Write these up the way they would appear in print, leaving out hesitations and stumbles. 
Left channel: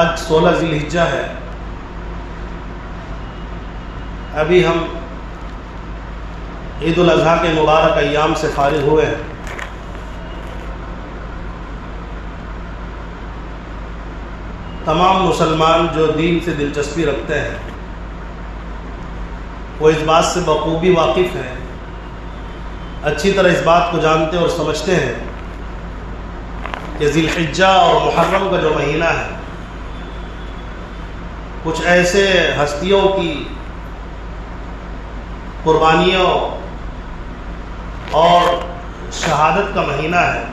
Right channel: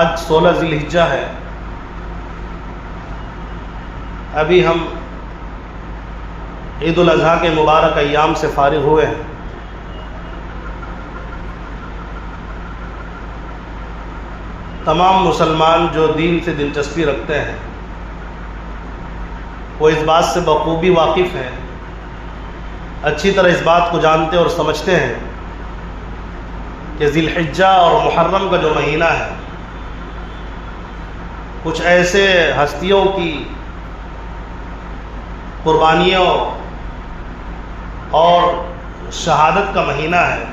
آج 16 ذی الحجہ ہے. ابھی ہم عید الاضحیٰ کے مبارک ایام سے فارغ ہوئے ہیں. تمام مسلمان جو دین سے دلچسپی رکھتے ہیں وہ اس بات سے بخوبی واقف ہیں، اچھی طرح اس بات کو جانتے اور سمجھتے ہیں کہ ذی الحجہ اور محرم کا جو مہینہ ہے کچھ ایسے ہستیوں کی قربانیوں اور شہادت کا مہینہ ہے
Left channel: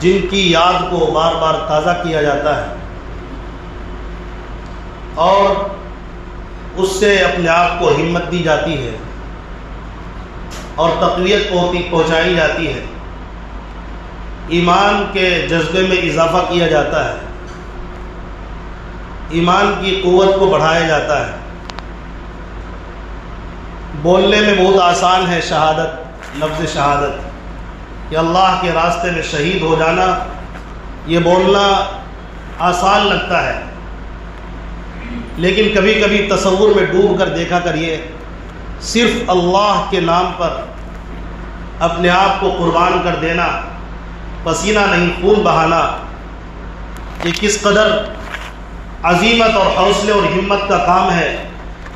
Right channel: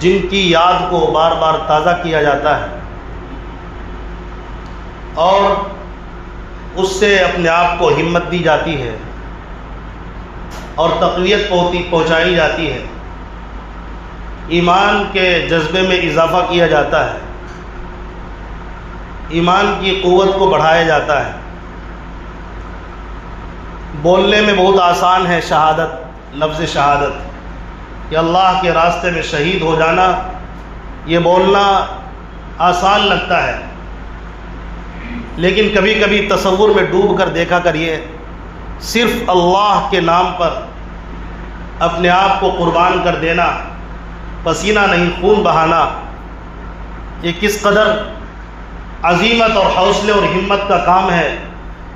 جن کی یاد کو بار بار تازہ کیا جاتا ہے اور اس سے اپنے آپ کو ہمت دی جاتی ہے اور تقویت پہنچائی جاتی ہے، ایمان کے جذبے میں اضافہ کیا جاتا ہے، ایمان کی قوت کو بڑھایا جاتا ہے. بولنے میں بہت آسان ہے شہادت، لفظ شہادت کہ اللہ کے راستے میں شہید ہو جانا، یہ بولنا آسان لگتا ہے، لیکن کبھی کبھی تصور میں ڈوب کر دیکھا کریے، صرف اللہ کے نام پر اپنے آپ کو قربان کر دینا، پسینہ نہیں خون بہانا، یہ کس قدر عزیمت اور حوصلے اور ہمت کا کام ہے.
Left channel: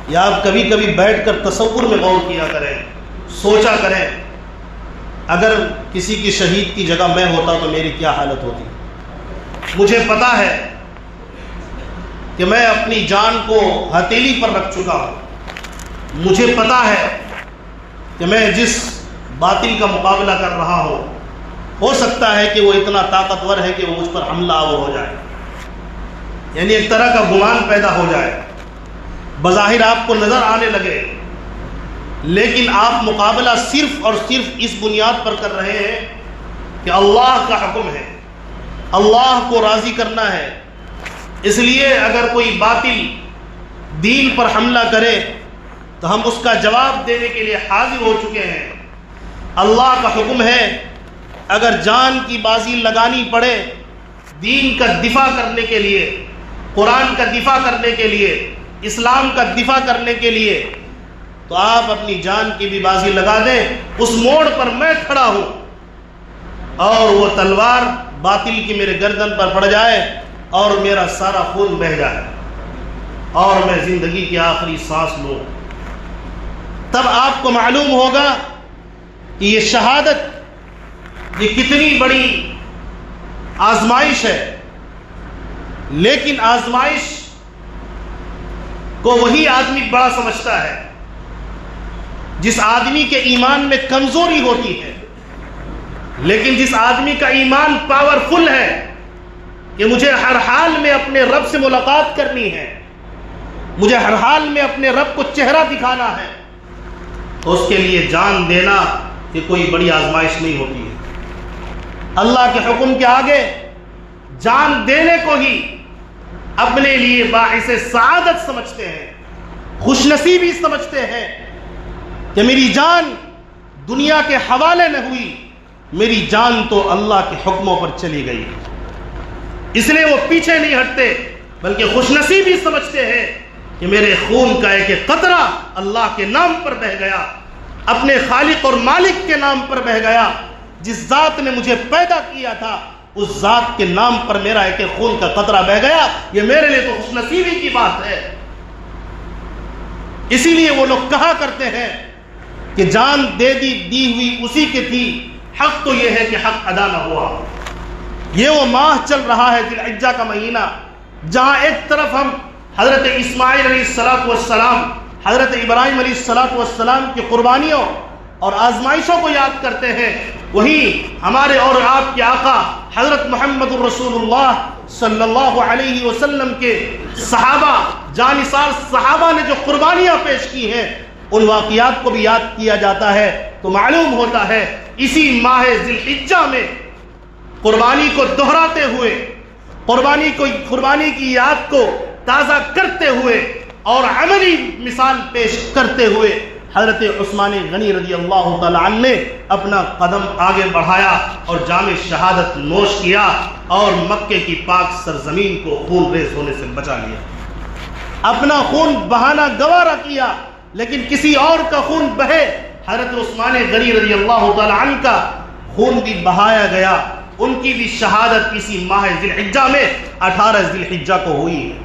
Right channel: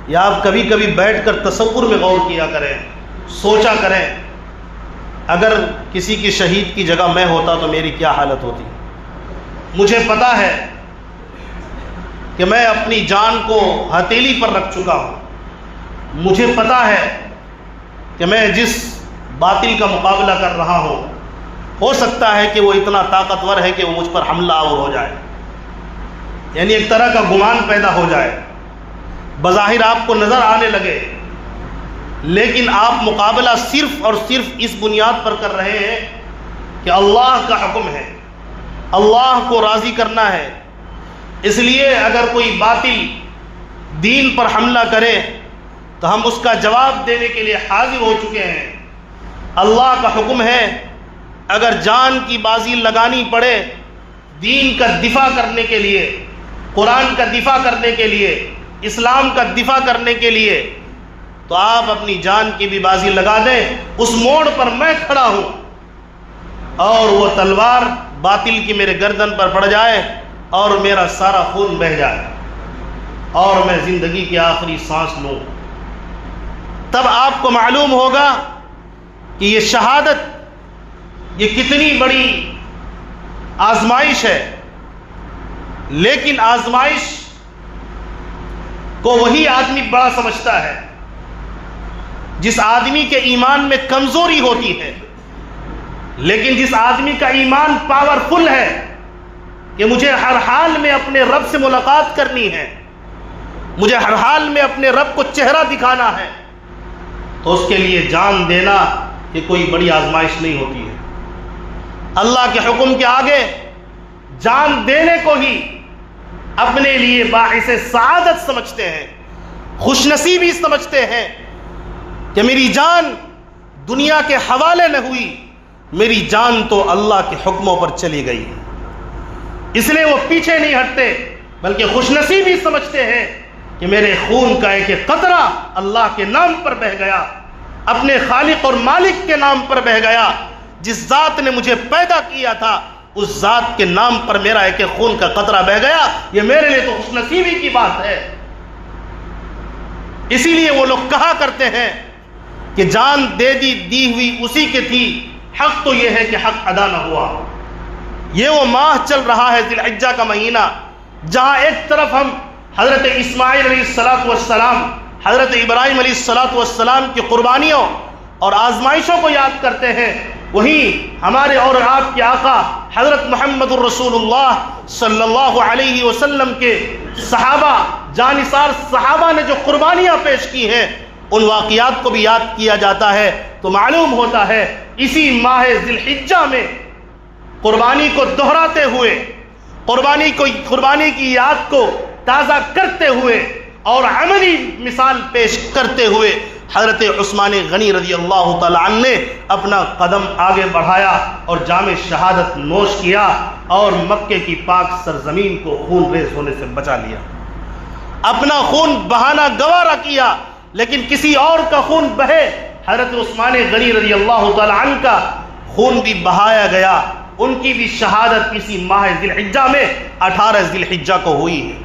یا آپ کبھی کبھی بیٹھ کر تصور میں غور کیا کریں، سوچا کریں اگر کسی کی شہید کی جگہ میں ہوتا تو میری کیا حالت ہوتی. مجھے پتا ہے کہ میں اپنی جان کو ہتھیلی پر رکھ چکا ہوں، مجھے پتا ہے کہ میں جس باطل کا مقابلہ کر رہا ہوں ہو سکتا ہے کہ وہ اتنا طاقتور ہے کہ وہ مجھ پر حملہ آور ہو جائے، یعنی ایک طرح کا گمان پیدا ہو جائے، بظاہر آپ کو نظر آنے لگے، لیکن آپ مقابلہ صرف اور صرف اس بنیاد پر کر رہے ہیں کہ اللہ کا حکم ہے، اللہ کو راضی کرنا ہے. اس لیے اگر کوئی باطل دین پر حملہ کرے تو ہم اس کا جواب دینے کے لیے حاضر ہو چکے ہیں. اللہ کا حکم ہے اگر جان کی بازی لگانی پڑے دین کا دفاع کرنے کے لیے، قرآن کا دفاع کرنے کے لیے، اسلام کا دفاع کرنے کے لیے، تو آپ اپنی جان کی بھی بازی لگا دیں. اس موڑ پر میں کھڑا ہوں اور وہ تلوار باطل کی میرے گردن پر پڑ جائے اور میرا سارا خون بہہ جائے اور میں زندگی کی آخری سانس لوں، تب آپ کو معلوم ہوگا کہ یہ شہادت یہ کتنی بڑی آزمائش ہے. لیکن آزمائش کو وہی آدمی بڑا سمجھتا ہے جس آدمی کے ایمان میں کمزوری ہوتی ہے، لیکن جس آدمی کا ایمان پاورفل ہے کہ مجھے ہر حال میں اپنے رب سے ملاقات کرنی ہے، مجھے ہر حال میں اپنے رب کو چہرہ دکھانا ہے، تو اس کے لیے جان دینا یہ کوئی بڑی آزمائش نہیں ہوتی ہے. اللہ کے حکم کے آگے جان دینے کو ہی اپنے لیے باعث سعادت سمجھتے ہیں، خوش نصیبی سمجھتے ہیں کہ میری جان دنیا کے حوالے نہ ہوئی، میری جان تو اللہ کے حکموں پر چلی گئی. اس لیے وہ پیچھے نہیں ہٹتے بلکہ خوش نصیبی سمجھتے ہیں کہ میرے خون کا ایک ایک قطرہ اللہ کے نام پر بہہ گیا، اپنے خالق اور مالک کے نام پر بہہ گیا. جس ذات نے مجھے پیدا کیا تھا اس ذات کے نام پر میرا ایک ایک خون کا قطرہ بہہ گیا. یہ میرے لیے تو خوش نصیبی کی بات ہے. اسی لیے وہ لوگ کہا کرتے ہیں کہ جان دی ہوئی اسی کی تھی، حق تو یہ ہے کہ حق ادا نہ ہوا. یہ وہ ماہ چل رہا ہے ذی الحجہ کا مہینہ، جہاں ایک طرف ہم حضرت اسماعیل علیہ السلام، حضرت ابراہیم علیہ السلام کی قربانیوں اور آزمائشوں کو یاد کرتے ہیں، وہیں ہمارے اور آپ کے آقا حضرت محمد الرسول اللہ صلی اللہ علیہ وسلم کے صحابہ، جانثار صحابہ نے جو قربانیاں پیش کی ہیں ان واقعات کو بھی یاد کیا جاتا ہے. تو معلوم ہوتا ہے اسی ماہ ذی الحجہ میں قربانی کو دہراتے ہوئے، قربانی کی یاد کو تازہ کرتے ہوئے اور عملی مثال پیش کرتے ہوئے حضرت عثمان غنی رضی اللہ تعالی عنہ نے اپنا قدم آگے بڑھایا اور جام شہادت نوش کیا. اور مکے کی پاک سرزمین کو خون ریز ہونے سے بچا لیا. اپنا خون بہانا گوارا کیا لیکن کسی اور کا خون بہے. حضرت عثمان غنی رضی اللہ تعالی عنہ کا خون بھی بہایا گیا. ان کی بھی شہادت اسی ماہ ذی الحجہ میں 18 ذی الحجہ کو ہوئی ہے.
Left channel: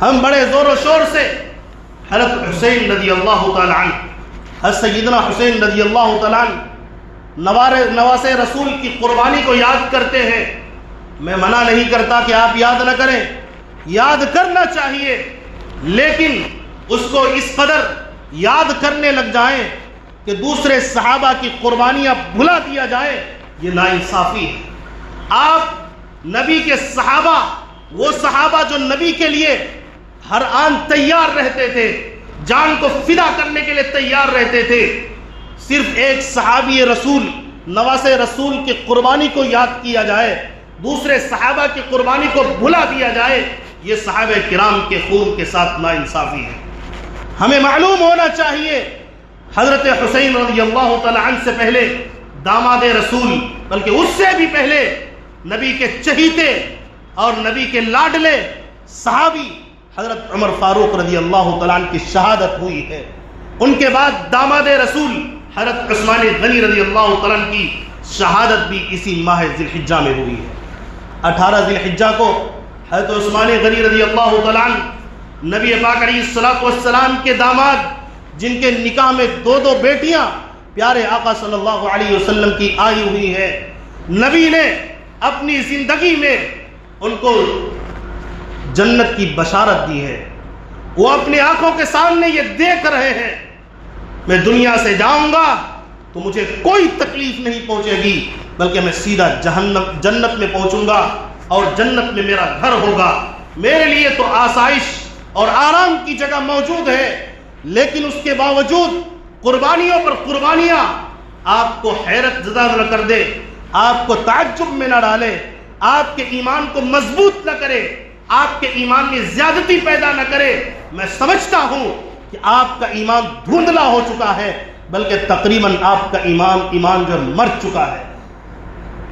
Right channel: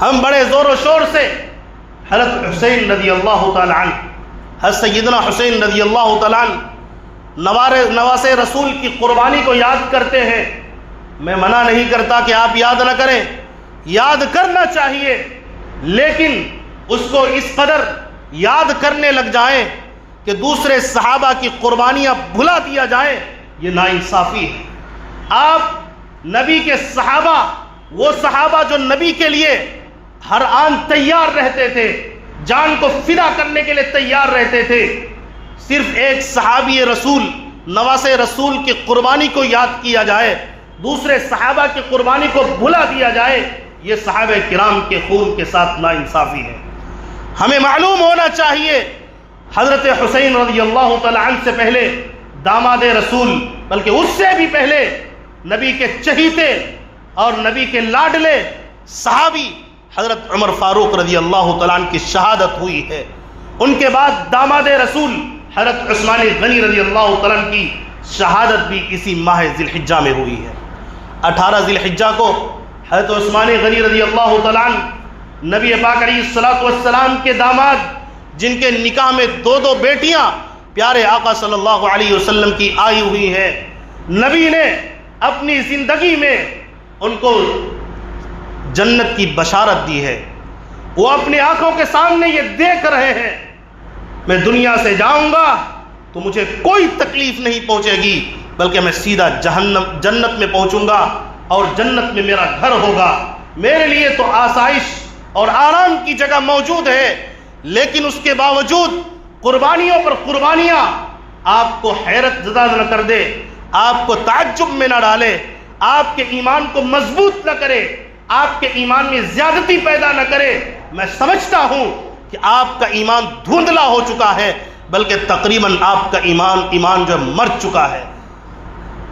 ہم بڑے زور و شور سے حضرت حسین رضی اللہ تعالی عنہ، حضرت سیدنا حسین رضی اللہ تعالی عنہ نواز رسول کی قربانی کو یاد کرتے ہیں. میں منع نہیں کرتا کہ آپ یاد نہ کریں، یاد کرنا چاہیے، لیکن اس کو اس قدر یاد کرنے لگ جائیں کہ دوسرے صحابہ کی قربانیاں بھلا دیا جائے، یہ ناانصافی ہے. آپ نبی کے صحابہ، وہ صحابہ جو نبی کے لیے ہر آن تیار رہتے تھے، جان کو فدا کرنے کے لیے تیار رہتے تھے، صرف ایک صحابی رسول نواز رسول کی قربانی کو یاد کیا جائے، دوسرے صحابہ کی قربانی کو بھلا دیا جائے، یہ صحابہ کرام کے خون کے ساتھ ناانصافی ہے. ہمیں معلوم ہونا چاہیے حضرت حسین رضی اللہ تعالی عنہ سے پہلے داماد رسول، بلکہ اس سے بھی پہلے نبی کے چہیتے اور نبی کے لاڈلے صحابی حضرت عمر فاروق رضی اللہ تعالی عنہ کی شہادت ہوئی ہے. ان کے بعد داماد رسول حضرت عثمان غنی رضی اللہ تعالی عنہ کی شہادت بھی اسی ماہ ذی الحجہ میں ہوئی ہے. 18 ذی الحجہ کو حضرت عثمان غنی رضی اللہ تعالی عنہ نبی پاک علیہ الصلوۃ والسلام کے داماد، جن کے نکاح میں 2 بیٹیاں پیارے آقا صلی اللہ علیہ وسلم کی آئی ہوئی ہے، نبی نے اپنی زندگی میں ان کو جنت کی بشارت دی ہے. وہ اپنی آنکھوں کے سامنے یہ دیکھ رہے ہیں، میں دنیا سے جاؤں گا تو مجھے کوئی تکلیف نہیں پہنچے گی، بلکہ میں سیدھا جنت میں پہنچوں گا اور جنت میں میرا گھر ہوگا. میرے لیے تو آسائش اور آرام کی جگہ موجود ہے، لیکن اس کے باوجود قربانیوں پر قربانیاں آپ کو حیرت زدہ نہ کر دے، آپ کو تعجب میں نہ ڈالے، آپ کے ایمان کو مضبوط نہ کرے، آپ کے ایمان میں زیادتی پیدا نہ کرے. میں سمجھتا ہوں کہ آپ کا ایمان دھندلا ہو چکا ہے، بلکہ تقریباً آپ کا ایمان جو مر چکا ہے.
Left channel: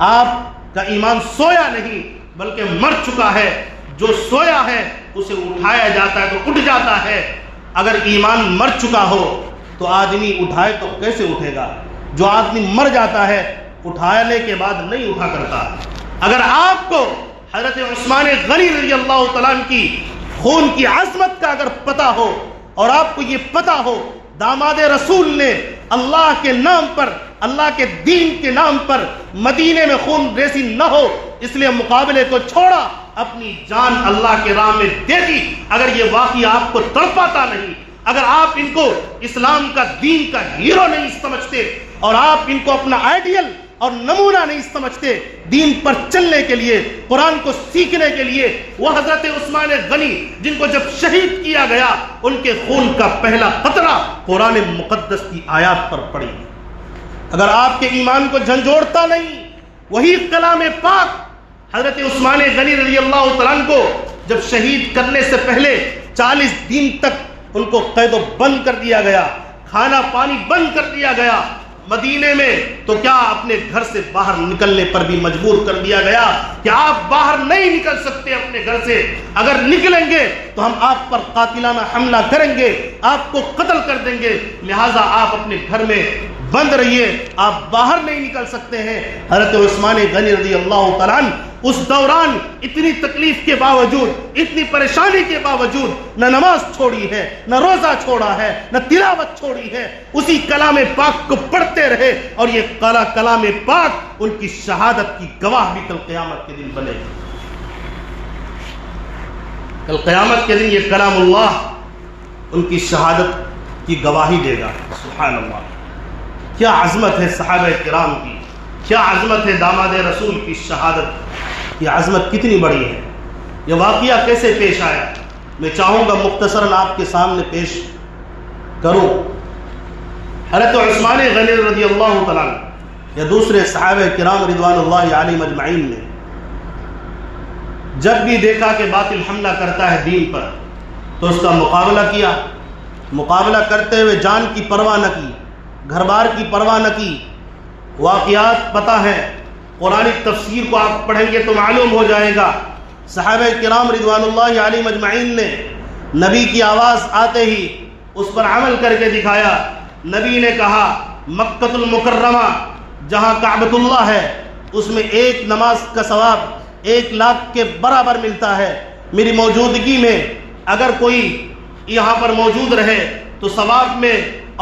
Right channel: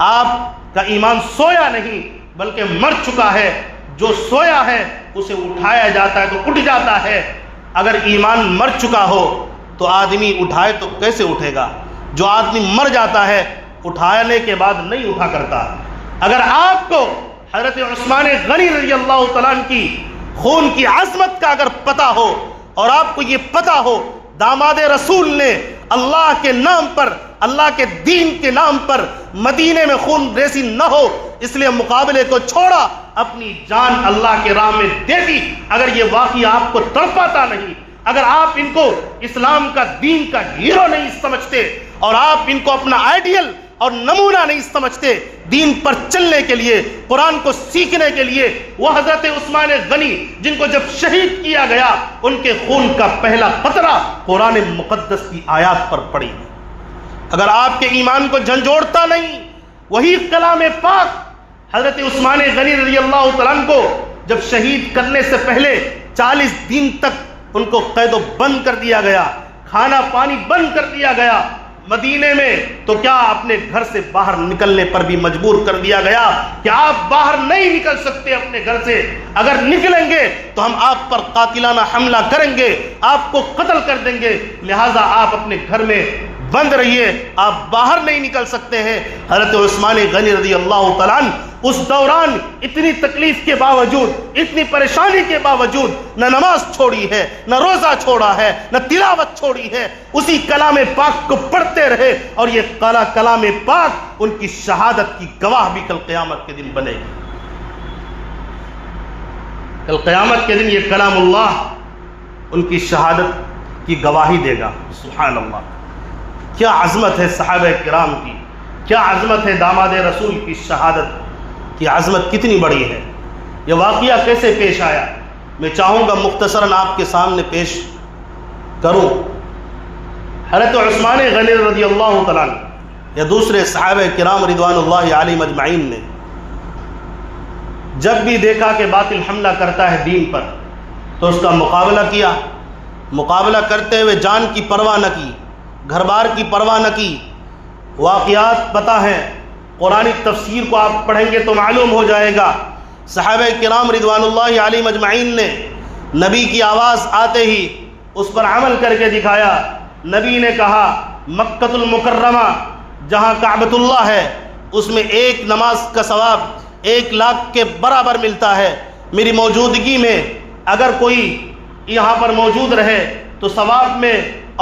آپ کا ایمان سویا نہیں بلکہ مر چکا ہے. جو سویا ہے اسے اٹھایا جاتا ہے تو اٹھ جاتا ہے. اگر ایمان مر چکا ہو تو آدمی اٹھائے تو کیسے اٹھے گا؟ جو آدمی مر جاتا ہے اٹھانے کے بعد نہیں اٹھا کرتا. اگر آپ کو حضرت عثمان غنی رضی اللہ تعالیٰ عنہ کی خون کی عظمت کا اگر پتہ ہو، اور آپ کو یہ پتہ ہو داماد رسول نے اللہ کے نام پر، اللہ کے دین کے نام پر مدینے میں خون ریزی نہ ہو، اس لیے مقابلے کو چھوڑا، اپنی جان اللہ کے راہ میں دے دی. اگر یہ واقعہ آپ کو تڑپاتا نہیں، اگر آپ ان کو اسلام کا دین کا ہیرو نہیں سمجھتے اور آپ ان کو اپنا آئیڈیل اور نمونہ نہیں سمجھتے دین پر چلنے کے لیے، قرآن کو سیکھنے کے لیے، وہ حضرت عثمان غنی جن کو جب شہید کیا گیا ان کے خون کا پہلا قطرہ قرآن مقدس کی آیات پر پڑی. اگر آپ کے ایمان کو جھنجھوڑتا نہیں، وہی کلام پاک حضرت عثمان غنی رضی اللہ تعالیٰ عنہ کو جب شہید کرنے سے پہلے 40 دن تک ان کو قید و بند کر دیا گیا، کھانا پانی بند کر دیا گیا، مدینے میں تو کیا اپنے گھر سے باہر نکلنے پر بھی مجبور کر دیا گیا کہ آپ باہر نہیں نکل سکتے اپنے گھر سے، اگر نکلیں گے تو ہم آپ پر قاتلانہ حملہ کریں گے، آپ کو قتل کر دیں گے، لہٰذا آپ اپنے گھر میں بند رہیے، آپ باہر نہیں نکل سکتے ہیں. حضرت عثمان غنی رضی اللہ تعالیٰ عنہ اس دوران اتنی تکلیف کے باوجود، اتنی پریشانی کے باوجود نہ نماز چھوڑی ہے، نہ روزہ چھوڑا ہے، نہ تلاوت چھوڑی ہے، اسی کلام پاک کو پڑھتے رہے، اور یہ کلام پاک ان کی شہادت کی گواہ بھی کل قیامت کے دن بنے گی. کل قیامت کے دن یہ کلام اللہ ان کی شہادت کی گواہی دے گا. سبحان اللہ، کیا عظمت ہے صحابہ کرام کی، کیا عظمت ہے داماد رسول کی شہادت کی عظمت کتنی بڑی ہے. یہ واقعہ کیسے پیش آیا میں چاہوں گا مختصراً آپ کے سامنے پیش کروں. حضرت عثمان غنی رضی اللہ تعالیٰ یا دوسرے صحابہ کرام رضوان اللہ علیہم اجمعین نے جب بھی دیکھا کہ باطل حملہ کرتا ہے دین پر تو اس کا مقابلہ کیا. مقابلہ کرتے ہوئے جان کی پرواہ نہ کی، گھر بار کی پرواہ نہ کی. واقعات پتہ ہے قرآن تفسیر کو آپ پڑھیں گے تو معلوم ہو جائے گا۔ صحابہ کرام رضوان اللہ علیہم اجمعین نے نبی کی آواز آتے ہی اس پر عمل کر کے دکھایا۔ نبی نے کہا مکۃ المکرمہ جہاں کعبۃ اللہ ہے اس میں ایک نماز کا ثواب 1,00,000 کے برابر ملتا ہے۔ میری موجودگی میں اگر کوئی یہاں پر موجود رہے تو ثواب میں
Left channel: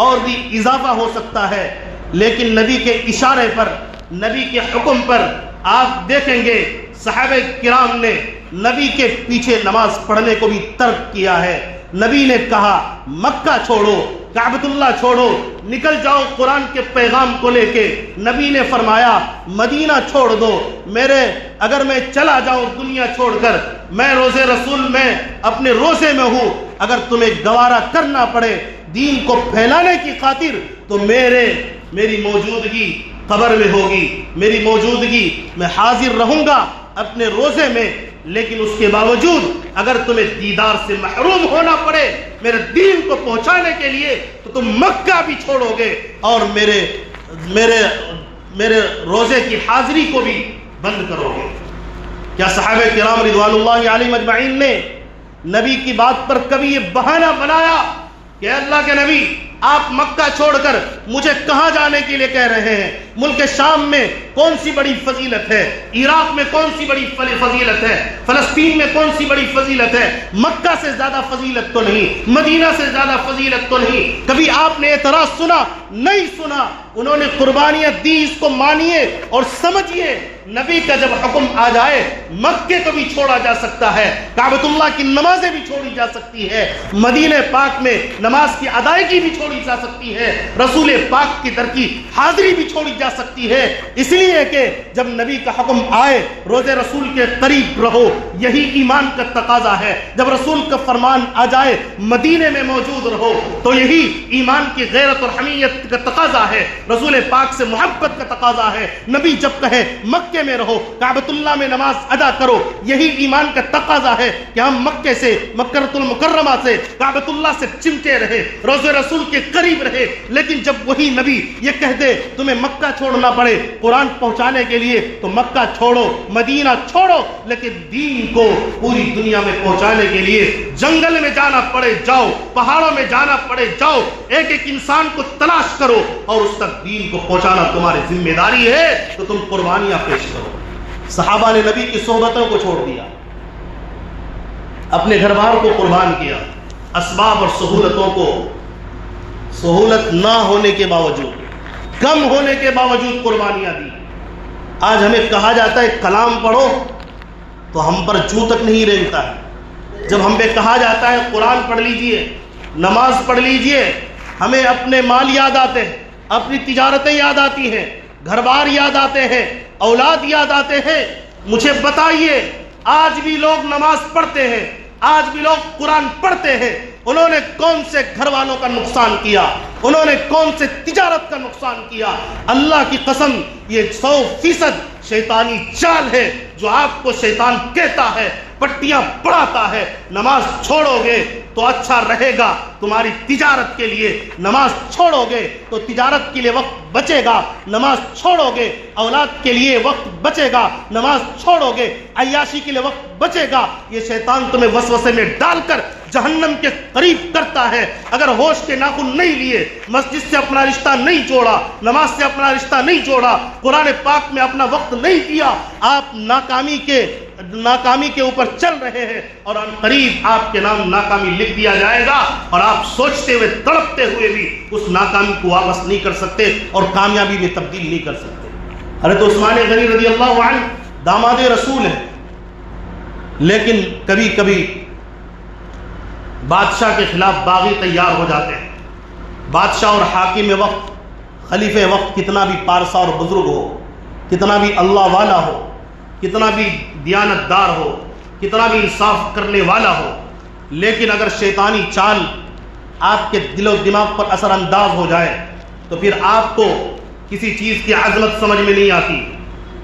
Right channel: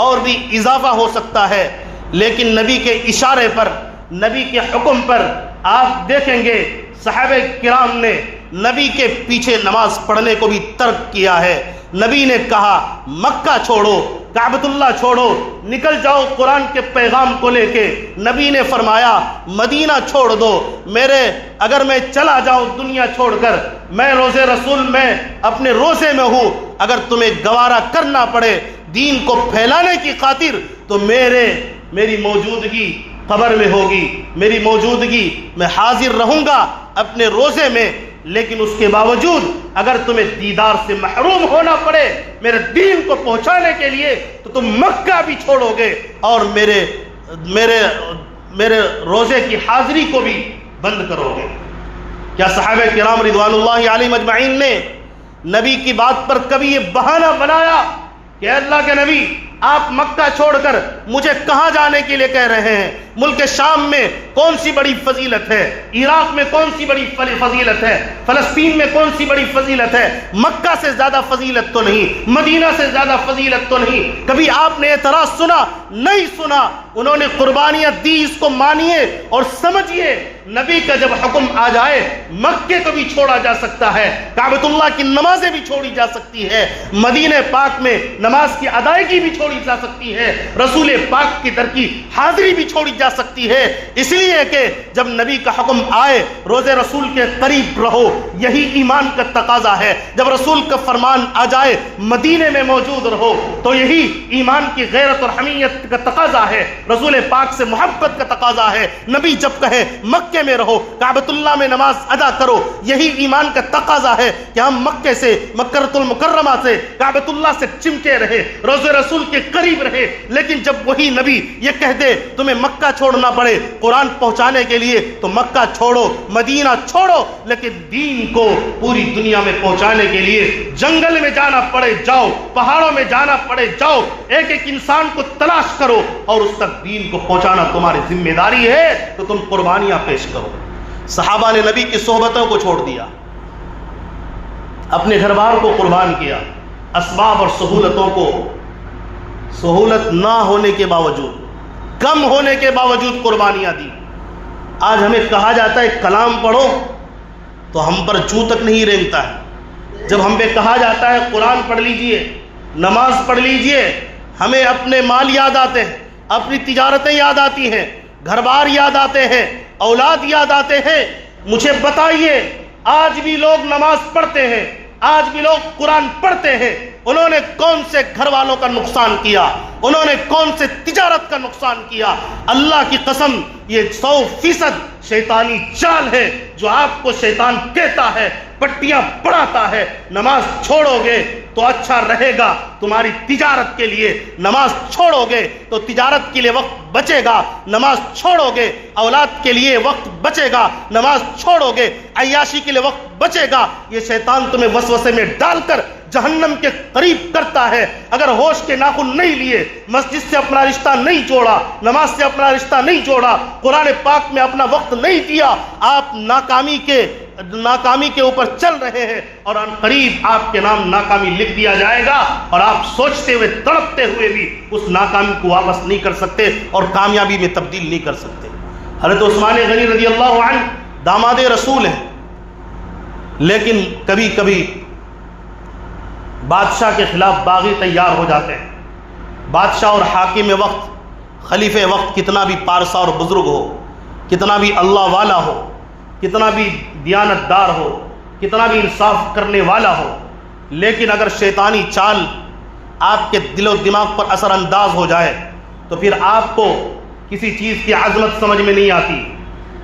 اور بھی اضافہ ہو سکتا ہے، لیکن نبی کے اشارے پر، نبی کے حکم پر آپ دیکھیں گے صحابہ کرام نے نبی کے پیچھے نماز پڑھنے کو بھی ترک کیا ہے۔ نبی نے کہا مکہ چھوڑو، کعبۃ اللہ چھوڑو، نکل جاؤ قرآن کے پیغام کو لے کے۔ نبی نے فرمایا مدینہ چھوڑ دو، اگر میں چلا جاؤں دنیا چھوڑ کر، میں روزے رسول میں اپنے روزے میں ہوں، اگر تمہیں گوارا کرنا پڑے دین کو پھیلانے کی خاطر تو میری موجودگی قبر میں ہوگی، میری موجودگی میں حاضر رہوں گا اپنے روزے میں، لیکن اس کے باوجود اگر تمہیں دیدار سے محروم ہونا پڑے میرے دین کو پہنچانے کے لیے تو تم مکہ بھی چھوڑو گے اور میرے روزے کی حاضری کو بھی بند کرو گے۔ کیا صحابہ کرام رضوان اللہ علیہم اجمعین نے نبی کی بات پر کبھی یہ بہانہ بنایا کہ اللہ کے نبی آپ مکہ چھوڑ کر مجھے کہاں جانے کے لیے کہہ رہے ہیں؟ ملک شام میں کون سی بڑی فضیلت ہے، عراق میں کون سی بڑی فضیلت ہے، فلسطین میں کون سی بڑی فضیلت ہے؟ مکہ سے زیادہ فضیلت تو نہیں، مدینہ سے زیادہ فضیلت تو نہیں۔ کبھی آپ نے اعتراض سنا؟ نہیں سنا۔ انہوں نے قربانیاں دی، اس کو مانیے اور سمجھیے نبی کا جب حکم آ جائے مکے کو بھی چھوڑا جا سکتا ہے، کعبۃ اللہ کی نمازیں بھی چھوڑی جا سکتی ہے، مدینہ پاک میں نماز کی ادائیگی بھی چھوڑی جا سکتی ہے، رسول پاک کی در کی حاضری بھی چھوڑی جا سکتی ہے، اس لیے کہ جب نبی کا حکم آئے روزے رسول کے قریب رہو، یہی ایمان کا تقاضا ہے۔ جب رسول کا فرمان آ جائے مدینے میں موجود رہو تو یہی ایمان کی غیرت اور حمیت کا تقاضا ہے، رسول پاک سے محبت کا تقاضا ہے۔ نبی جب کہے مکے میں رہو، کعبۃ اللہ میں نماز ادا کرو، یہی ایمان کا تقاضا ہے کہ ہم مکے سے، مکۃ المکرمہ سے، کعبۃ اللہ سے چمٹے رہے، روزے رسول کے قریب رہے۔ لیکن جب وہی نبی یہ کہہ دے تمہیں مکہ چھوڑنا پڑے قرآن پہنچانے کے لیے تو مکہ چھوڑو، مدینہ چھوڑو، لیکن دین کو پوری دنیا میں پہنچانے کے لیے جنگل میں جانا پڑے جاؤ، پہاڑوں میں جانا پڑے جاؤ، ایک ایک انسان کو تلاش کرو اور اس تک دین کو پہنچانا تمہاری ذمہ داری ہے تو تم قربانیاں پیش کرو۔ صحابہ نے نبی کی صحبتوں کو چھوڑ دیا، اپنے گھر بار کو قربان کیا، اسباب اور سہولتوں کو، سہولت نہ ہونے کے باوجود، کم ہونے کے باوجود قربانیاں دی۔ آج ہمیں کہا جاتا ہے کلام پڑھو تو ہم پر چوں تک نہیں رینگتا ہے۔ جب ہم پہ کہا جاتا ہے قرآن پڑھ لیجئے، نماز پڑھ لیجئے، ہمیں اپنے مال یاد آتے ہیں، اپنی تجارتیں یاد آتی ہیں، گھر بار یاد آتے ہیں، اولاد یاد آتے ہیں۔ مجھے بتائیے آج بھی لوگ نماز پڑھتے ہیں، آج بھی لوگ قرآن پڑھتے ہیں، انہوں نے کون سے گھر والوں کا نقصان کیا؟ انہوں نے کون سے تجارت کا نقصان کیا؟ اللہ کی قسم یہ 100% شیطانی چال ہے جو آپ کو شیطان کہتا ہے، پٹیاں پڑھاتا ہے۔ نماز چھوڑو گے تو اچھا رہے گا تمہاری تجارت کے لیے، نماز چھوڑو گے تو تجارت کے لیے وقت بچے گا، نماز چھوڑو گے اولاد کے لیے وقت بچے گا، نماز چھوڑو گے عیاشی کے لیے وقت بچے گا۔ یہ شیطان تمہیں وسوسے میں ڈال کر جہنم کے قریب کرتا ہے۔ اگر ہوش کے ناخن نہیں لیے، مسجد سے اپنا رشتہ نہیں جوڑا، نماز سے اپنا رشتہ نہیں جوڑا، قرآن پاک میں اپنا وقت نہیں دیا، آپ ناکامی کے اوپر چل رہے ہیں اور ان قریب آپ کے نام ناکامی لکھ دیا جائے گا اور آپ سوچتے ہوئے تڑپتے ہوئے بھی اس ناکامی کو واپس نہیں کر سکتے اور کامیابی میں تبدیل نہیں کر سکتے۔ حضرت عثمان غنی رضی اللہ عنہ داماد رسول ہیں، لیکن کبھی کبھی بادشاہ کے خلاف باغی تیار ہو جاتے ہیں۔ بادشاہ اور حاکم وقت، خلیفہ وقت کتنا بھی پارسا اور بزرگ ہو، کتنا بھی اللہ والا ہو، کتنا بھی دیانت دار ہو، کتنا بھی انصاف کرنے والا ہو، لیکن اگر شیطانی چال آپ کے دل و دماغ پر اثر انداز ہو جائے تو پھر آپ کو کسی چیز کی عظمت سمجھ میں نہیں آتی،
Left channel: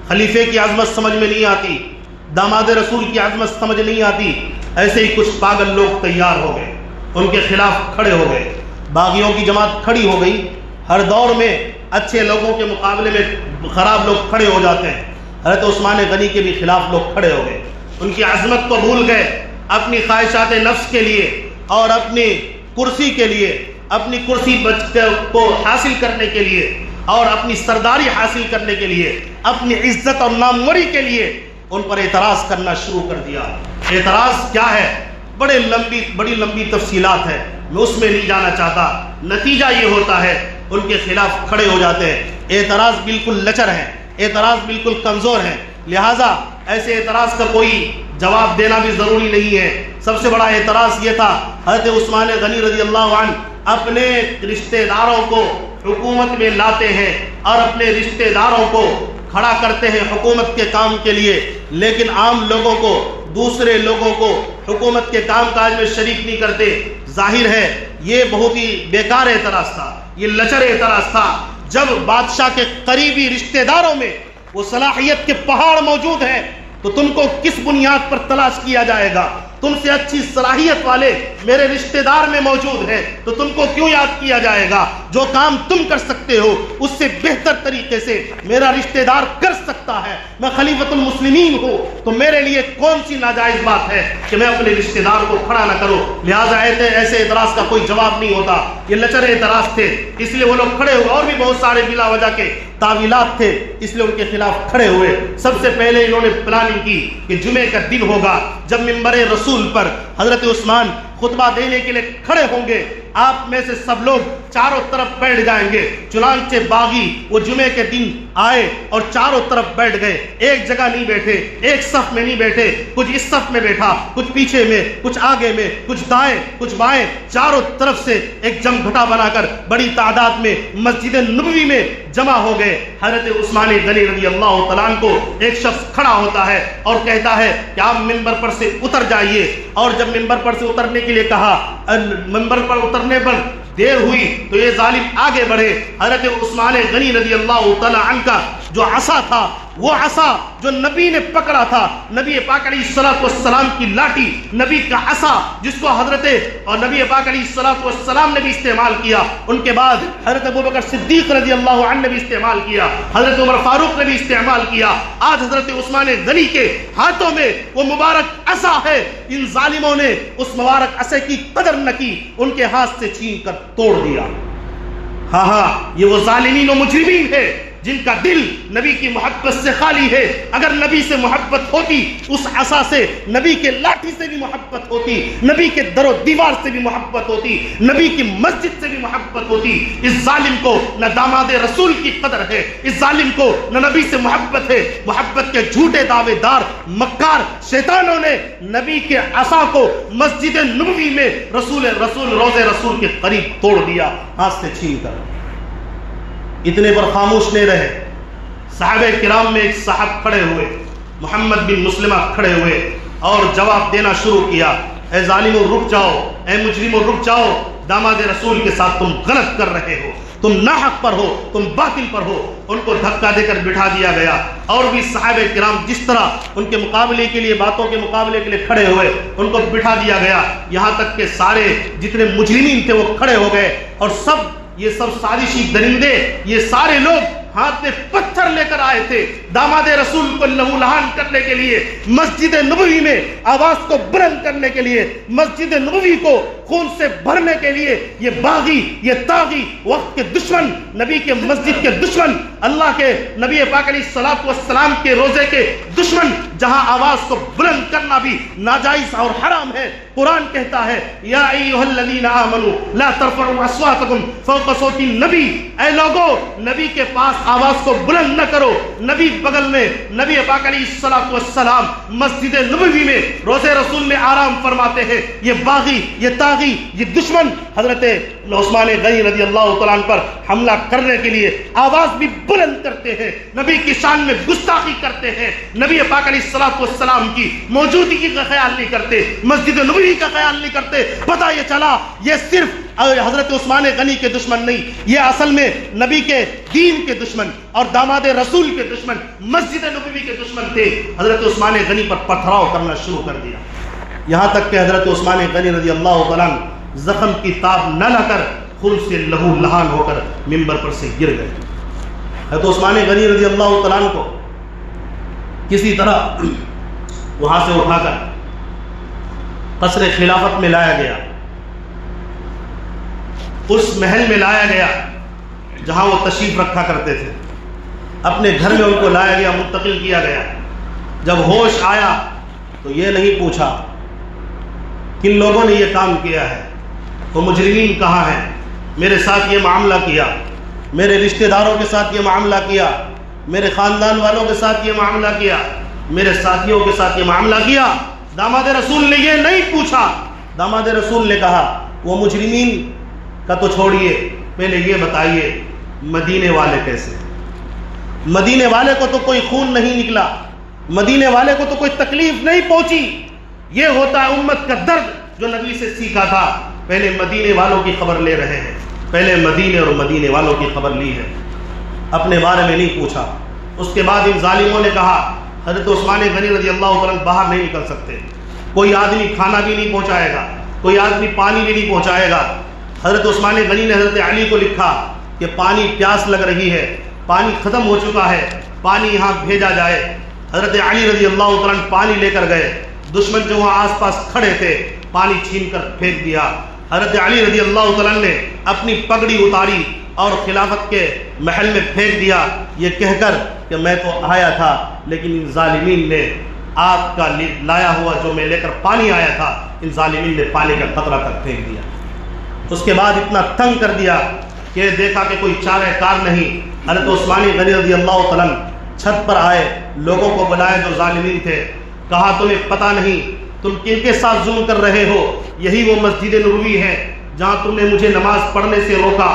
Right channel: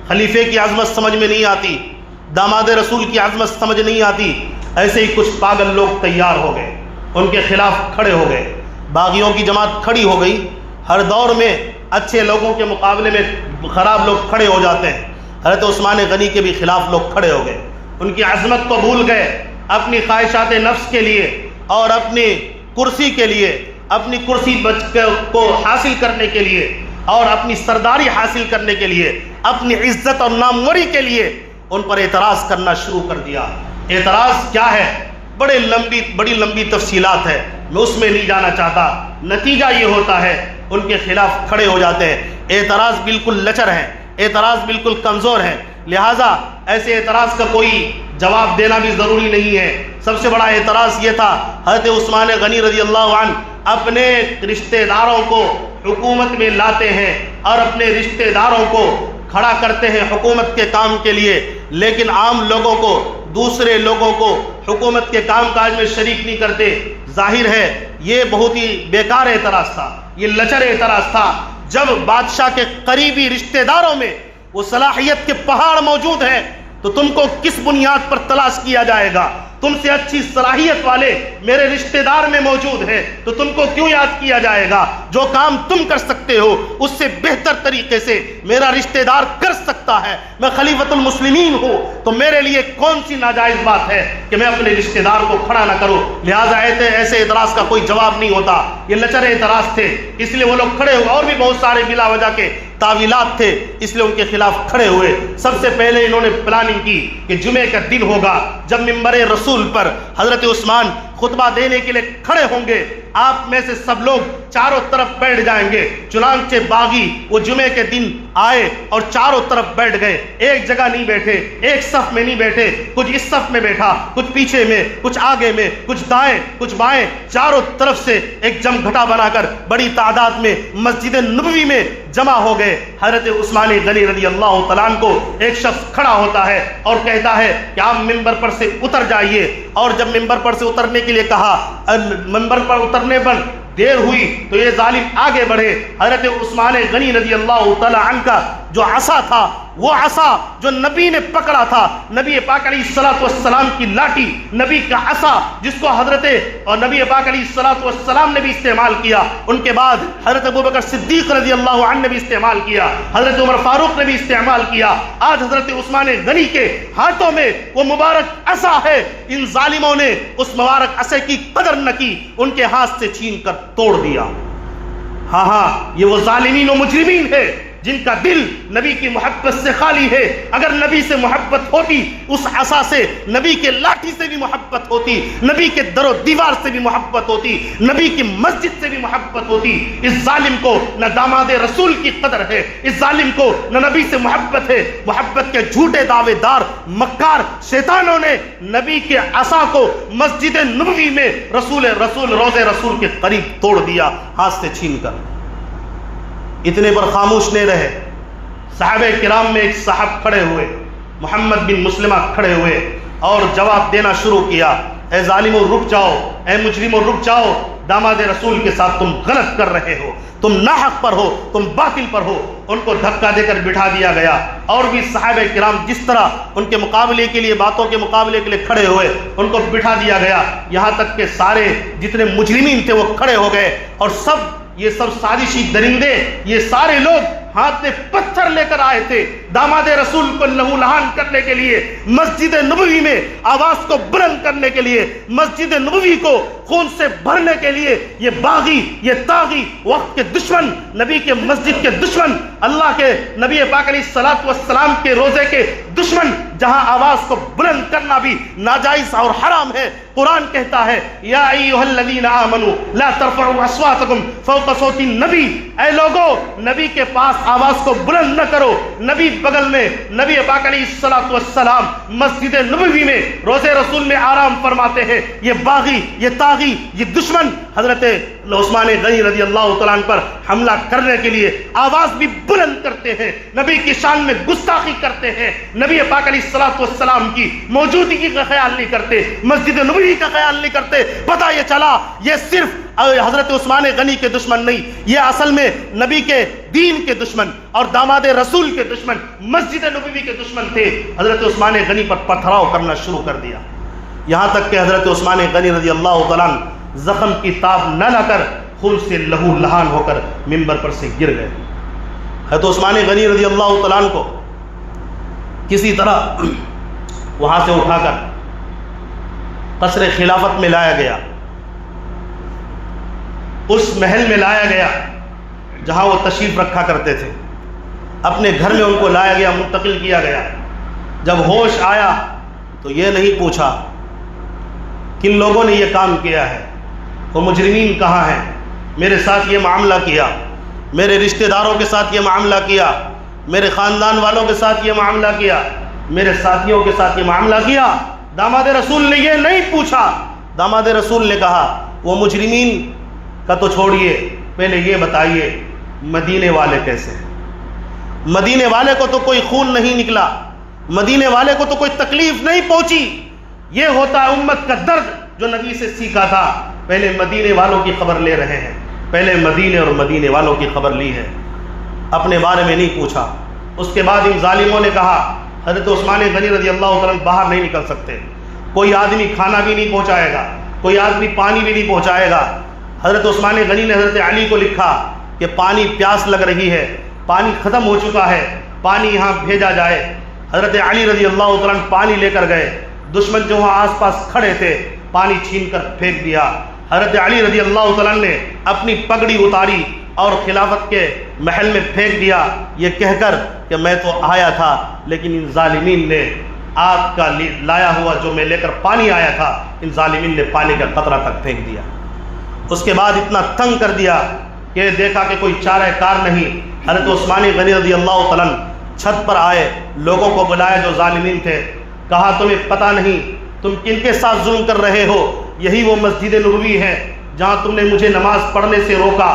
خلیفے کی عظمت سمجھ میں نہیں آتی، داماد رسول کی عظمت سمجھ نہیں آتی۔ ایسے ہی کچھ پاگل لوگ تیار ہو گئے، ان کے خلاف کھڑے ہو گئے، باغیوں کی جماعت کھڑی ہو گئی۔ ہر دور میں اچھے لوگوں کے مقابلے میں خراب لوگ کھڑے ہو جاتے ہیں، حضرت عثمان غنی کے بھی خلاف لوگ کھڑے ہو گئے، ان کی عظمت کو بھول گئے، اپنی خواہشات نفس کے لیے اور اپنی کرسی کے لیے، اپنی کرسی کو حاصل کرنے کے لیے اور اپنی سرداری حاصل کرنے کے لیے، اپنی عزت اور ناموری کے لیے ان پر اعتراض کرنا شروع کر دیا۔ اعتراض کیا ہے؟ بڑی لمبی تفصیلات ہے، میں اس میں نہیں جانا چاہتا۔ نتیجہ یہ ہوتا ہے ان کے خلاف کھڑے ہو جاتے ہیں۔ اعتراض بالکل لچر ہے، اعتراض بالکل کمزور ہے، لہٰذا ایسے اعتراض کا کوئی جواب دینا بھی ضروری نہیں ہے۔ سب سے بڑا اعتراض یہ تھا، حضرت عثمان غنی رضی اللہ عنہ اپنے رشتہ داروں کو حکومت میں لاتے ہیں اور اپنے رشتہ داروں کو کھڑا کرتے ہیں حکومت کے کام کے لیے، لیکن عام لوگوں کو، دوسرے لوگوں کو حکومت کے کام کاج میں شریک نہیں کرتے۔ ظاہر ہے یہ بہت ہی بیکار اعتراض تھا، یہ لچر اعتراض تھا۔ جب بادشاہ کے قریبی رشتہ داروں میں وہ صلاحیت کے پہاڑ موجود ہیں تو تم کو کس بنیاد پر تلاش کیا جائے گا؟ تم سے اچھی صلاحیت والے میرے رشتہ دار میں موجود ہیں تو تم کو کیوں یاد کیا جائے گا؟ جو کام تم کر سکتے ہو اس سے بہتر طریقے سے میرا رشتہ دار کر سکتا ہے۔ میں خلیفۃ المسلمین ہوں تو میرے لیے کون سی ناجائز بات ہے کہ میں اپنے رشتہ دار کو کھڑا نہ کروں؟ لہٰذا ایسے اعتراض کا کوئی جواب نہیں ہوتا، یہ لچر اعتراض تھے، اس لیے وہ لوگ کھڑے ہوئے، اور بھی بہت سارے بلا وجہ کے تعویلات تھے، اس لیے ان کے خلاف کھڑے ہوئے۔ سب سے پہلے انہوں نے پلاننگ کی کہ جمعے کا دن ہوگا جب منبر رسول پر حضرت عثمان خطبہ دینے کے لیے کھڑے ہوں گے، آپ میں سے سب لوگ چاروں طرف بیٹھ جائیں گے۔ چنانچہ باغی وہ جمعے کے دن آئے اور چاروں طرف بیٹھ گئے، ایک جگہ نہیں بیٹھے، ایک صف میں نہیں بیٹھے، کچھ اس صف میں بیٹھا، کچھ پیچھے میں، کچھ آگے میں، کچھ دائیں کچھ بائیں، چاروں طرف سے ایک جمگھٹا بنا کر بڑی تعداد میں مسجد نبوی میں جمع ہو گئے۔ حضرت عثمان غنی رضی اللہ تعالیٰ عنہ کو ایک شخص کھڑا ہوتا ہے اور کہتا ہے کہ آپ ممبر پر سے اتر جائیے، اور جب ممبر پر سے اترنے کے لیے کہا، ممبر پر اترنے پر دیر ہوئی تو یہ ظالم آگے بڑھے۔ حضرت عثمان غنی رضی اللہ تعالی عنہ کا جو عصا تھا، وہ عصا جو نبی نے پکڑا تھا، نبی پاک علیہ الصلوۃ والسلام کی لاٹھی، نبی کا عصا جس کو حضرت اور نبی پاک علیہ الصلوۃ والسلام نے بھی استعمال کیا، ان کے بعد حضرت ابوبکر صدیق رضی اللہ عنہ نے بھی استعمال کیا، حضرت عمر فاروق نے بھی استعمال کیا۔ آج حضرت عثمان غنی کے ہاتھوں میں وہ مبارک عصا ہے، ان ظالموں نے اس مبارک عصے کی قدر نہ کی، ان کے ہاتھ سے چھین کر توڑ دیا۔ ہاں یہ وہ ظالمین و مجرمین ہے جن کا دل نبی کی محبت سے خالی ہے۔ اگر نبی سے محبت ہوتی، اس عصا سے، نبی کے لاٹھی سے بھی محبت ہوتی، نبی کے در و دیوار سے بھی محبت ہوتی، نبی کی مسجد سے بھی محبت ہوتی۔ اس ظالم کو نہ داماد رسول کی قدر ہے، اس ظالم کو نہ نبی سے محبت ہے۔ محبت کے جھوٹے دعوے دار مکار شیطانوں نے نبی کے عصا کو مسجد نبوی میں روضے رسول کے قریب توڑ دیا، ہاتھ سے چھین کر۔ اتنے پر خاموش نہیں رہے، صحابہ کرام میں ایک صاحب کھڑے ہوئے، محمد بن مسلمہ کھڑے ہوئے اور جواب دینا شروع کیا، اے ظالموں رک جاؤ، اے مجرموں رک جاؤ، داماد رسول کے ساتھ تم غلط کر رہے ہو، تم ناحق پر ہو، تم باطل پر ہو۔ ان کو دھکا دے کر بٹھا دیا گیا، اور بھی صحابہ کرام جس طرح ان کے مقابلے کے لیے، باتوں کے مقابلے کے لیے کھڑے ہوئے، ان کو بٹھا دیا گیا، یہاں تک کہ سارے جتنے مجرمین تھے وہ کھڑے ہو گئے، اور یہ سب سازشی درندے، یہ سارے لوگ ہاتھ میں پتھر لے کر آئے تھے داماد رسول کو لہو لہان کرنے کے لیے، مسجد نبوی میں آواز کو بلند کرنے کے لیے، مسجد نبوی کو خون سے بھرنے کے لیے۔ یہ باغی، یہ طاغی، وقت کے دشمن، نبی کے مسجد کے دشمن، اللہ کے نبی پاک علیہ الصلوۃ والسلام کے روزے کے دشمن، جہاں آواز کو بلند کرنا بھی ناجائز اور حرام ہے۔ قرآن کہتا ہے، یا ایھا الذین آمنوا لا ترفعوا اصواتکم فوق صوت النبی، اے لوگو نبی کے پاس آواز کو بلند نہ کرو۔ نبی بغل میں، نبی پاک علیہ الصلوۃ والسلام مسجد نبوی میں روزے رسول میں آرام فرماتے ہیں۔ یہ باغی، یہ طاغی، یہ دشمن حضرت عثمان غنی رضی اللہ تعالیٰ عنہ پر حملہ کرنے کے لیے آواز بھی بلند کرتے ہیں، نبی کی شان میں گستاخی کرتے ہیں، نبی پاک علیہ الصلوۃ والسلام کی موجودگی کا خیال نہیں کرتے، مسجد نبوی کا خیال نہیں کرتے۔ پتہ یہ چلا یہ صرف حضرت عثمان غنی کے دشمن نہیں، یہ اصل میں نبی کے دین کے دشمن اور داماد رسول کے دشمن، مسجد نبوی کے دشمن تھے۔ حضرت عثمان غنی پر پتھراؤ کرنا شروع کر دیا، یہاں تک کہ حضرت عثمان غنی رضی اللہ تعالیٰ عنہ زخم کی تاب نہ لے کر خون سے لہو لہان ہو کر منبر پر سے گر گئے۔ حضرت عثمان غنی رضی اللہ تعالیٰ عنہ کو کسی طرح وہاں سے اٹھا کر قصر خلافت میں لایا گیا، اس محل میں لایا گیا جہاں وہ تشریف رکھا کرتے تھے، اپنے گھر میں ان کو لایا گیا، منتقل کیا گیا۔ جب ہوش آیا تو یہ نہیں پوچھا کن لوگوں نے یہ کام کیا ہے، تو مجرمین کہاں ہیں، میرے ساتھ یہ معاملہ کیا، میرے رشتہ داروں کے ساتھ یہ معاملہ کیا، میرے خاندان والوں کے ساتھ یہ معاملہ کیا، میرے ساتھیوں کے ساتھ یہ معاملہ کیا۔ داماد رسول نے یہ نہیں پوچھا، داماد رسول نے کہا وہ مجرمین کا تو چھوڑیے، پہلے یہ بتائیے مدینے والے کیسے؟ مدینے والے کو تو کوئی خون نہیں نکلا، مدینے والے کو تو کوئی تکلیف نہیں پہنچی۔ یہ ہوتا ہے امت کا درد جو نبی سے سیکھا تھا۔ پہلے مدینے والوں کی خبر لے رہے ہیں، پہلے مدینے اور مدینے والوں کی خبر لی ہے، اپنے بارے میں نہیں پوچھا۔ اس کے بعد ان ظالموں نے کہا حضرت عثمان غنی رضی اللہ تعالیٰ باہر نہیں نکل سکتے، کوئی آدمی کھانا بھی نہیں پہنچائے گا، کوئی آدمی پانی بھی نہیں پہنچائے گا۔ حضرت عثمان غنی نے حضرت علی کو لکھا کہ پانی پیاس لگ رہی ہے، پانی ختم ہو چکا ہے، پانی یہاں بھیجا جائے۔ حضرت علی رضی اللہ تعالیٰ پانی لے کر گئے، دشمن جو وہاں آس پاس کھڑے تھے پانی چھین کر پھینک دیا۔ حضرت علی رضی اللہ تعالیٰ نے اپنی پگڑی اتاری اور خلافت کے محل میں پھینک دیا، یہ کہہ کر کہ میں تو آیا تھا لیکن ان ظالمین نے آگ کا لایا ہوا جو میں لے کر پانی آیا تھا، ان ظالمین نے پانی کا قطرہ تک پھینک دیا۔ اس کے بعد اتنا تنگ کر دیا کہ دیکھا کہ کوئی چارہ کار نہیں، حضرت عثمان غنی رضی اللہ تعالیٰ چھت پر آئے، لوگوں کو بلایا جو ظالمین تھے، کہا تمہیں پتہ نہیں تم کن کے ساتھ ظلم کر رہے ہو؟ یہی وہ مسجد نبوی ہے جہاں تم نے مجھے نماز پڑھنے سے روکا۔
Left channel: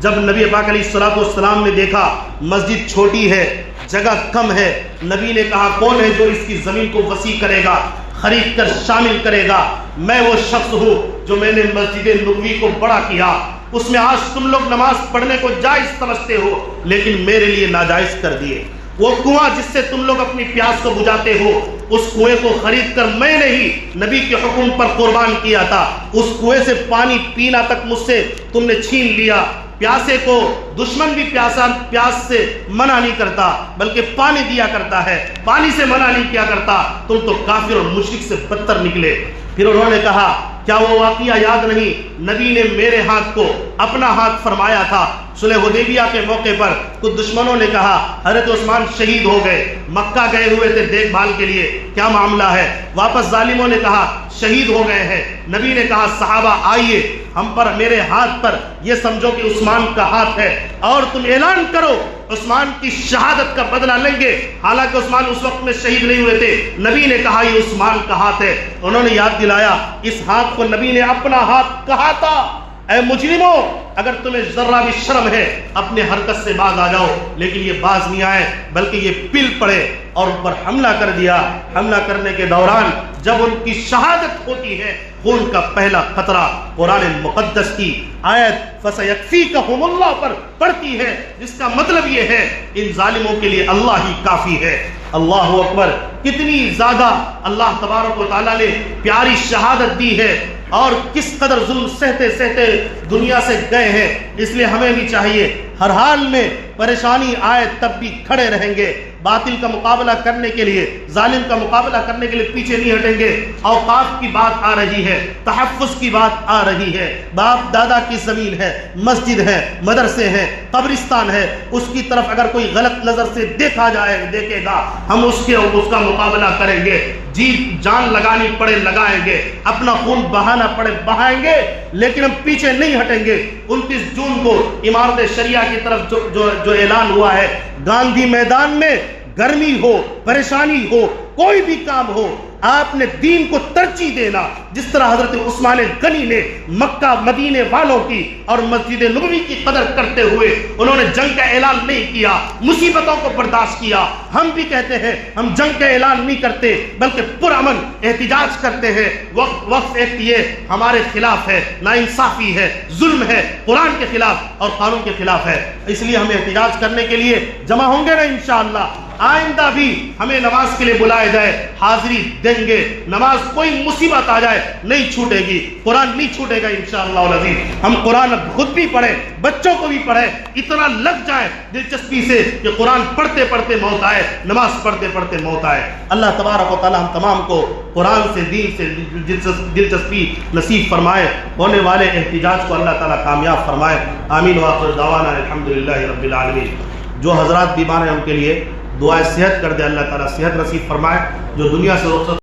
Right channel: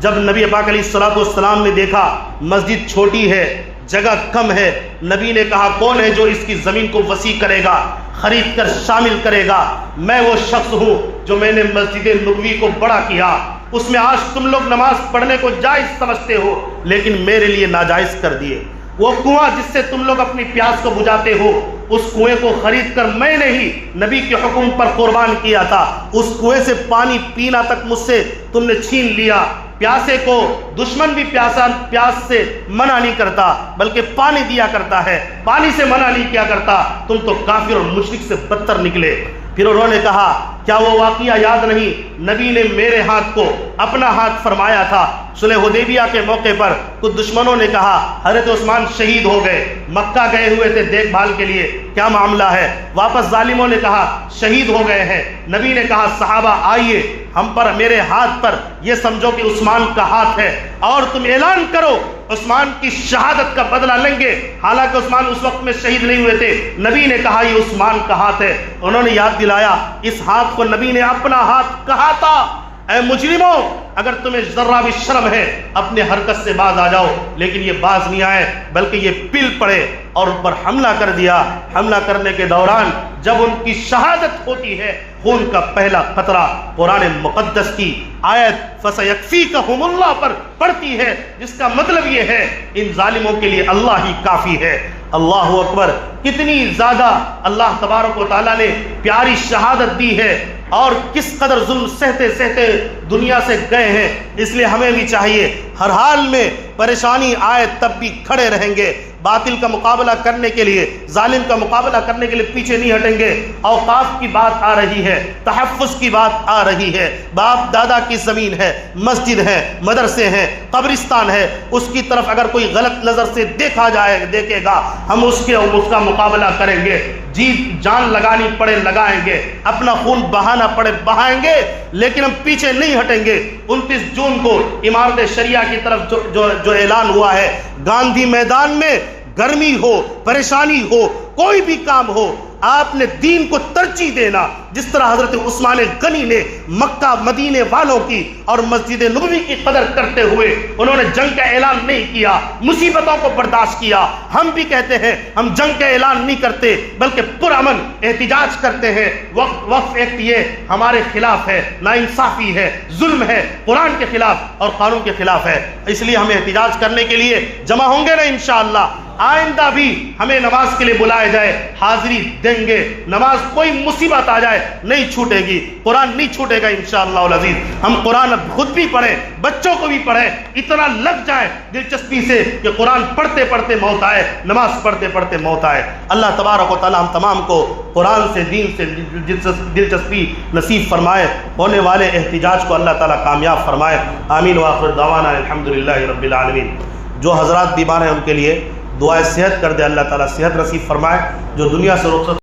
جب نبی پاک علیہ الصلوۃ والسلام نے دیکھا مسجد چھوٹی ہے، جگہ کم ہے، نبی نے کہا کون ہے جو اس کی زمین کو وسیع کرے گا، خرید کر شامل کرے گا؟ میں وہ شخص ہوں جو میں نے مسجد نبوی کو بڑا کیا، اس میں آج تم لوگ نماز پڑھنے کو جائز سمجھتے ہو لیکن میرے لیے ناجائز کر دیے۔ وہ کنواں جس سے تم لوگ اپنی پیاس کو بجھاتے ہو، اس کنویں کو خرید کر میں نے ہی نبی کے حکم پر قربان کیا تھا، اس کنویں سے پانی پینا تک مجھ سے تم نے چھین لیا۔ پیاسے کو دشمن بھی پیاس سے منع نہیں کرتا بلکہ پانی دیا کرتا ہے، پانی سے منع نہیں کیا کرتا، تم تو کافر اور مشرک سے بدتر نکلے۔ پھر انہوں نے کہا کیا وہ واقعہ یاد نہیں؟ نبی نے میرے ہاتھ کو اپنا ہاتھ فرمایا تھا صلح حدیبیہ کے موقع پر۔ کچھ دشمنوں نے کہا حضرت عثمان شہید ہو گئے، مکہ گئے ہوئے تھے دیکھ بھال کے لیے، کیا معاملہ ہے؟ واپس ظالموں نے کہا شہید ہو گئے ہیں۔ نبی نے کہا صحابہ آئیے، ہم پر میرے ہاتھ پر یہ سمجھو کہ عثمان کا ہاتھ ہے اور تم اعلان کرو عثمان کی شہادت کا بدلہ لیں گے، حالانکہ عثمان اس وقت میں شہید نہیں ہوئے تھے۔ نبی نے کہا یہ عثمان کا ہاتھ ہے۔ انہوں نے یاد دلایا اس ہاتھ کو نبی نے اپنا ہاتھ کہا تھا۔ اے مجرموں، اگر تمہیں ذرہ بھی شرم ہے اپنے حرکت سے باز آ جاؤ، لیکن یہ باز نہیں آئے بلکہ یہ پل پڑے اور ان پر حملہ کر دیا۔ حملہ کرنے کے دوران جب ان کی شہادت ہوتی ہے، خون کا پہلا قطرہ قرآن مقدس کی آیت فَسَيَكْفِيكَهُمُ اللَّهُ پر پڑتی ہے، جس کا مطلب یہ ہے ان ظالموں کے لیے اللہ ہی کافی ہے۔ اللہ اکبر! کتنی زیادہ اللہ تبارک و تعالیٰ نے پیاری شہادت دی ہے اور کس قدر ظلم سہتے سہتے دنیا سے گئے ہیں۔ اس لیے ہمیں بھی چاہیے ہر حال میں پریشانی آئے تب بھی کھڑے رہیں گے، باطل کا مقابلہ کرنے کے لیے، ظالم کا مقابلہ کرنے کے لیے پیچھے نہیں ہٹیں گے۔ اوقاف کی بات آ رہی ہے، تحفظ کی بات آ رہی ہے، باپ دادا کی زمین ہے، مسجد ہے، مدرسے ہیں، قبرستان ہے، اس کی طرف اگر کوئی غلط نظر سے دیکھے گا ہم اس کا مقابلہ کریں گے، جی جان لگانی پڑے لگائیں گے، اپنا خون بہانا پڑے بہائیں گے، لیکن ہم پیچھے نہیں ہٹیں گے۔ 29 جون کو امارت شریعہ کی طرف جو اعلان ہوا ہے، گاندھی میدان میں گرمی ہو، پریشانی ہو، کوئی بھی کام ہو، آپ نے دین کو ترجیح دینا، جس طرح حضرت عثمان غنی نے مکہ مدینے والوں کی اور مسجد نبوی کی قدر کرتے ہوئے انہوں نے جنگ کا اعلان نہیں کیا، مصیبتوں کو برداشت کیا۔ ہم بھی کہتے ہیں ہم جنگ کا اعلان نہیں کرتے بلکہ پرامن احتجاج کرتے ہیں۔ وقف ایکٹ یہ ہمارے خلاف ہے، ناانصافی ہے، ظلم ہے، قرآن کے خلاف اور قانون کے خلاف ہے، اس لیے ہمیں احتجاج کرنے کے لیے جمع ہوں گے نا انشاءاللہ۔ آئندہ بھی ہمیں نماز کے لیے بلایا جائے حاضری دیں گے. نماز کوئی مصیبت آ جائے نہیں چھوٹے گی, قرآن نہیں چھوٹے گا انشاءاللہ العزیز. ہم قرآن خود بھی پڑھیں, بچوں کو بھی پڑھیں, اتنا لگ جائے دلچسپی سے کہ قرآن پڑھتے پڑھتے موت آئے, نماز پڑھتے پڑھتے موت آئے. اللہ تبارک و تعالی ہم تمام کو قرآن سے, دین سے دلچسپی نصیب فرمائے. ہونے والے احتجاج کو اللہ تعالی کامیاب فرمائے. آمین وآخر دعوانا الحمدللہ رب العالمین. جو حضرات بیمار ہیں ان کے لیے دعائے صحت کر دے, اللہ تعالیٰ صحت نصیب فرمائے. جو دنیا سے رخصت